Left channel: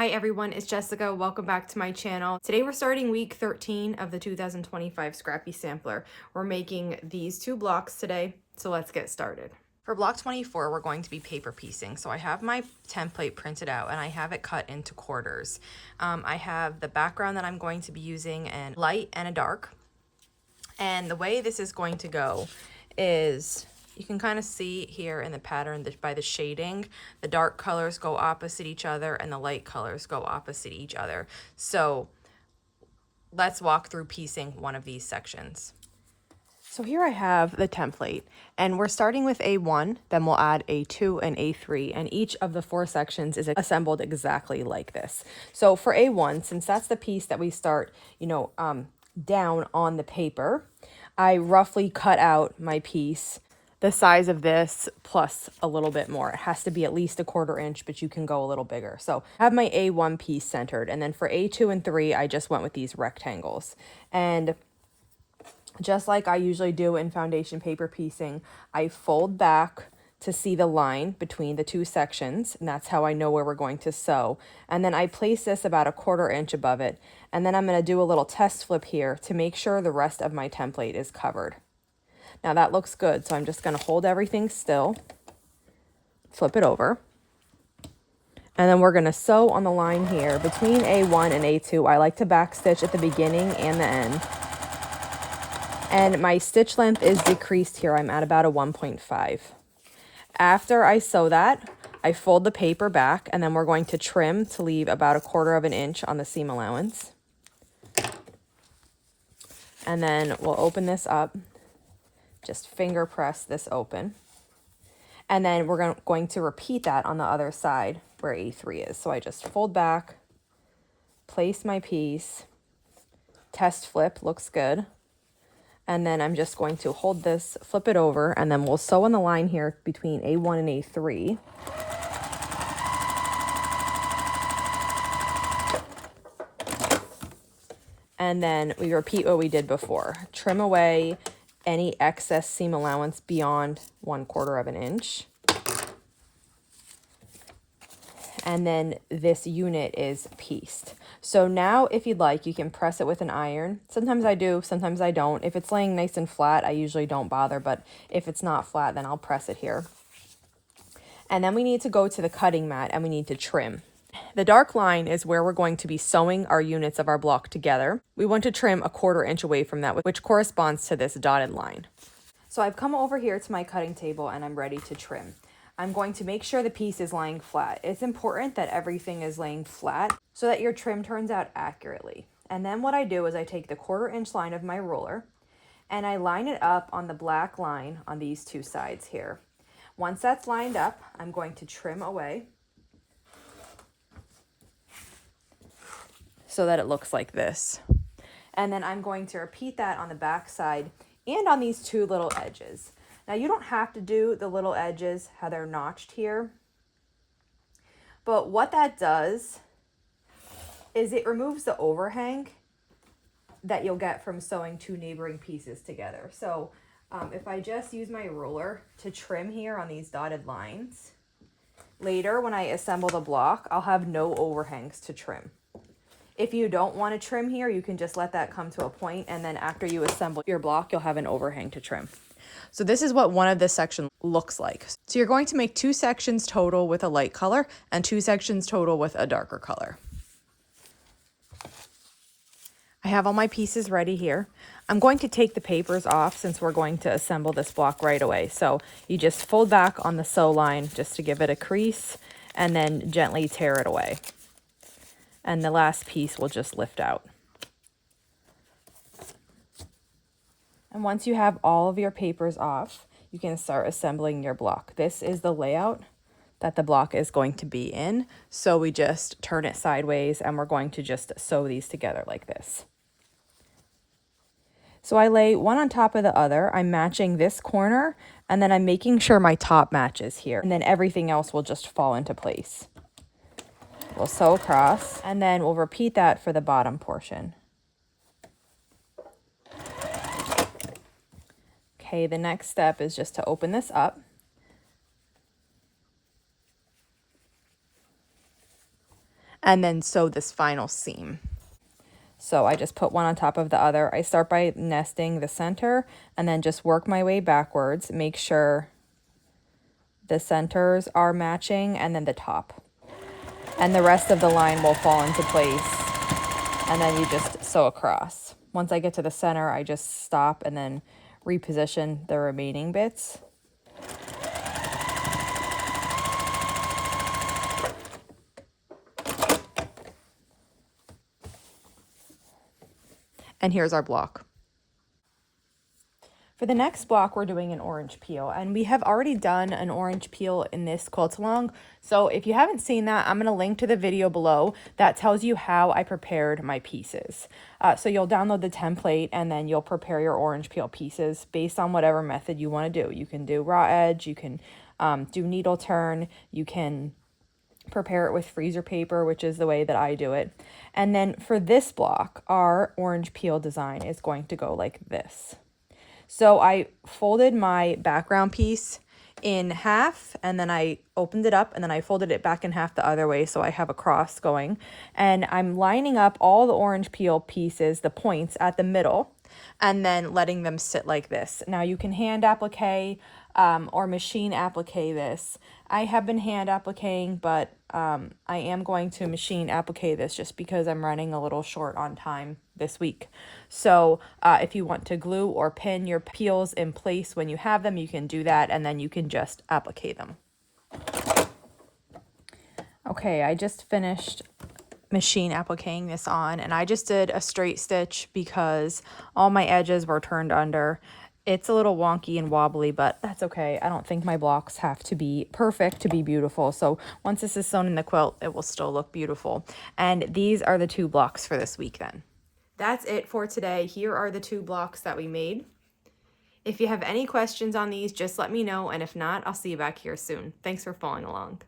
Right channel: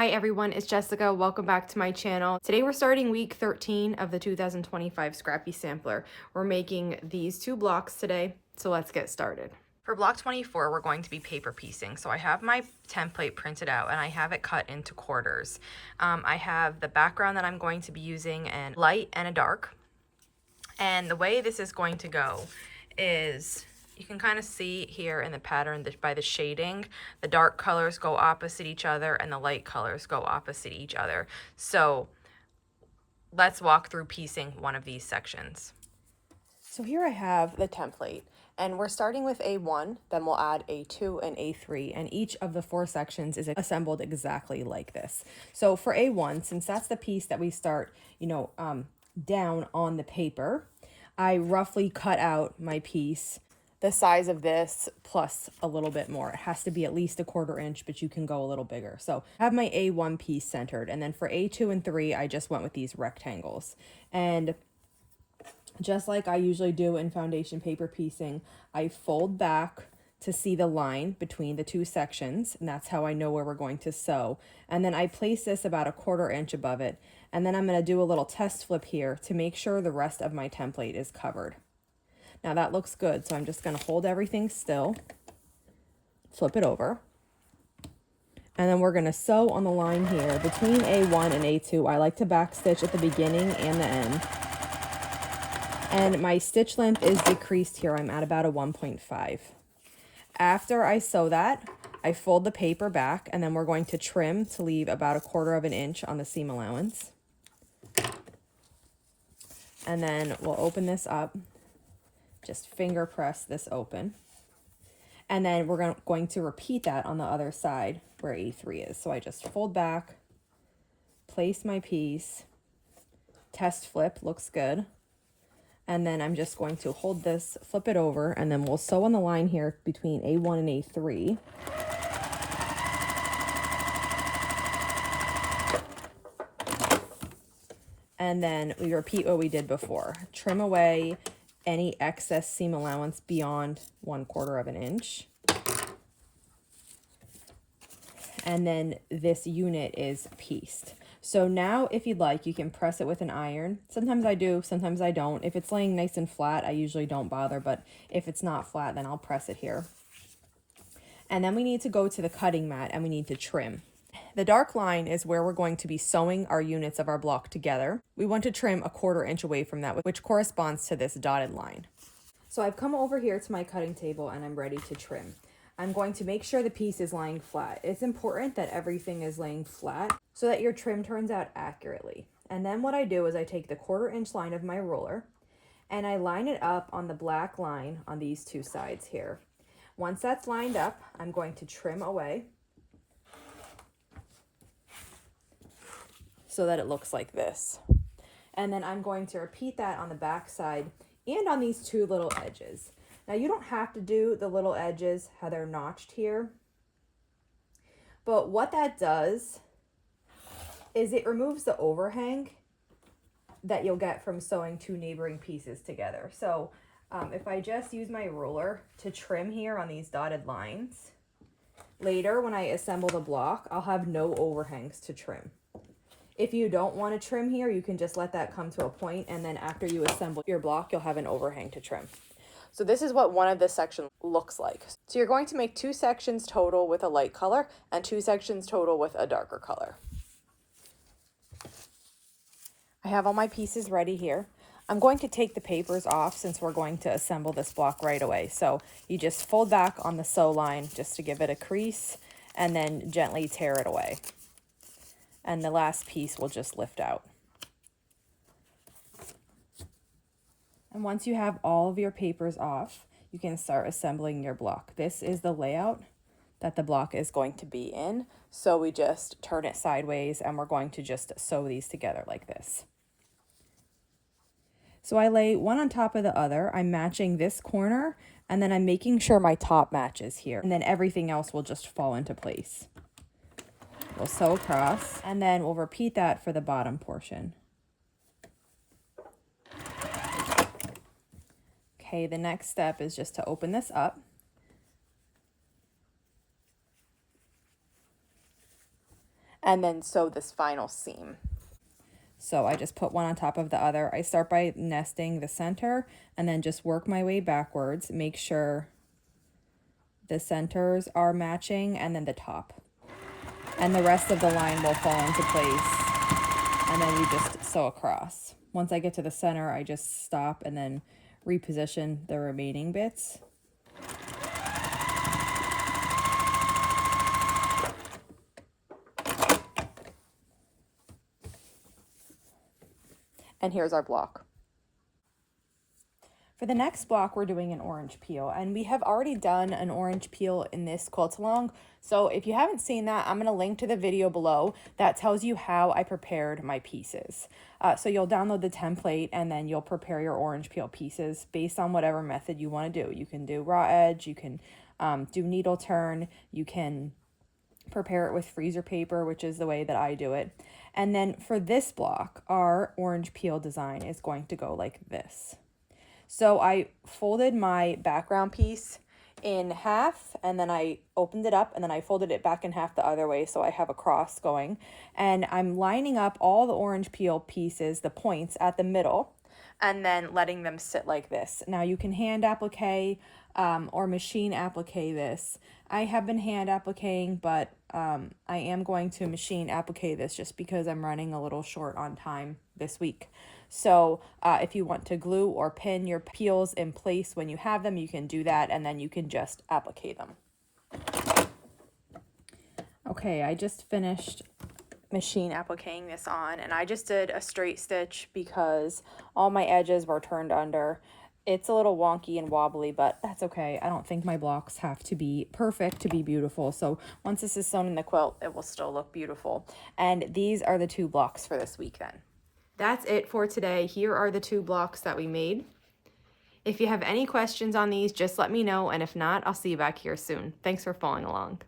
Hi everyone, it's Jessica. Welcome back to my channel. Today we're starting week 13 of the 2025 Scrappy Sampler. We're making these two blocks today, so let's get started. For block 24, we're going to be paper piecing. So I have my template printed out and I have it cut into quarters. I have the background that I'm going to be using in light and a dark. And the way this is going to go is, you can kind of see here in the pattern that by the shading, the dark colors go opposite each other and the light colors go opposite each other. So let's walk through piecing one of these sections. So here I have the template, and we're starting with A1, then we'll add A2 and A3, and each of the four sections is assembled exactly like this. So for A1, since that's the piece that we start, down on the paper, I roughly cut out my piece the size of this plus a little bit more. It has to be at least 1/4 inch, but you can go a little bigger. So I have my A1 piece centered, and then for A2 and 3, I just went with these rectangles. And just like I usually do in foundation paper piecing, I fold back to see the line between the two sections, and that's how I know where we're going to sew. And then I place this about 1/4 inch above it, and then I'm going to do a little test flip here to make sure the rest of my template is covered. Now that looks good, so I'm just going to hold everything still, flip it over, and then we're going to sew on the line here between A1 and A2. I like to back stitch at the beginning and the end. And my stitch length is decreased here. I'm at about a 1.5. After I sew that, I fold the paper back, and then we're going to trim to leave about 1/4 inch on the seam allowance. And then we'll open this up. Just finger press this open. And then we're going to repeat that on the other side where A3 is. So I just fold back, place my piece, test flip, looks good. And then I'm just going to hold this, flip it over, and then we'll sew on the line here between A1 and A3. And then we repeat what we did before. Trim away any excess seam allowance beyond 1/4 inch. And then this unit is pieced. So now if you'd like, you can press it with an iron. Sometimes I do, sometimes I don't. If it's laying nice and flat, I usually don't bother, but if it's not flat, then I'll press it here. And then we need to go to the cutting mat and we need to trim. The dark line is where we're going to be sewing our units of our block together. We want to trim 1/4 inch away from that, which corresponds to this dotted line. So I've come over here to my cutting table and I'm ready to trim. I'm going to make sure the piece is lying flat. It's important that everything is laying flat so that your trim turns out accurately. And then what I do is I take the 1/4 inch line of my ruler and I line it up on the black line on these two sides here. Once that's lined up, I'm going to trim away so that it looks like this. And then I'm going to repeat that on the back side and on these two little edges. Now you don't have to do the little edges how they're notched here, but what that does is it removes the overhang that you'll get from sewing two neighboring pieces together. So if I just use my ruler to trim here on these dotted lines, later when I assemble the block, I'll have no overhangs to trim. If you don't want to trim here, you can just let that come to a point, and then after you assemble your block, you'll have an overhang to trim. So this is what one of this section looks like. So you're going to make 2 sections total with a light color and 2 sections total with a darker color. I have all my pieces ready here. I'm going to take the papers off since we're going to assemble this block right away. So you just fold back on the sew line just to give it a crease and then gently tear it away. And the last piece will just lift out. And once you have all of your papers off, you can start assembling your block. This is the layout that the block is going to be in. So we just turn it sideways and we're going to just sew these together like this. So I lay one on top of the other. I'm matching this corner and then I'm making sure my top matches here. And then everything else will just fall into place. We'll sew across and then we'll repeat that for the bottom portion. Okay, the next step is just to open this up. and then sew this final seam. So I just put one on top of the other. I start by nesting the center and then just work my way backwards. Make sure the centers are matching and then the top. And the rest of the line will fall into place. And then you just sew across. Once I get to the center, I just stop and then reposition the remaining bits. And here's our block. For the next block, we're doing an orange peel, and we have already done an orange peel in this quilt along. So if you haven't seen that, I'm gonna link to the video below that tells you how I prepared my pieces. So you'll download the template and then you'll prepare your orange peel pieces based on whatever method you wanna do. You can do raw edge, you can do needle turn, you can prepare it with freezer paper, which is the way that I do it. And then for this block, our orange peel design is going to go like this. So I folded my background piece in half, and then I opened it up, and then I folded it back in half the other way, so I have a cross going. And I'm lining up all the orange peel pieces, the points at the middle, and then letting them sit like this. Now you can hand applique or machine applique this. I have been hand appliquing, but I am going to machine applique this just because I'm running a little short on time this week. So if you want to glue or pin your peels in place when you have them, you can do that, and then you can just applique them. Okay, I just finished machine appliquing this on, and I just did a straight stitch because all my edges were turned under. It's a little wonky and wobbly, but that's okay. I don't think my blocks have to be perfect to be beautiful. So once this is sewn in the quilt, it will still look beautiful. And these are the 2 blocks for this week then. That's it for today. Here are the 2 blocks that we made. If you have any questions on these, just let me know. And if not, I'll see you back here soon. Thanks for following along.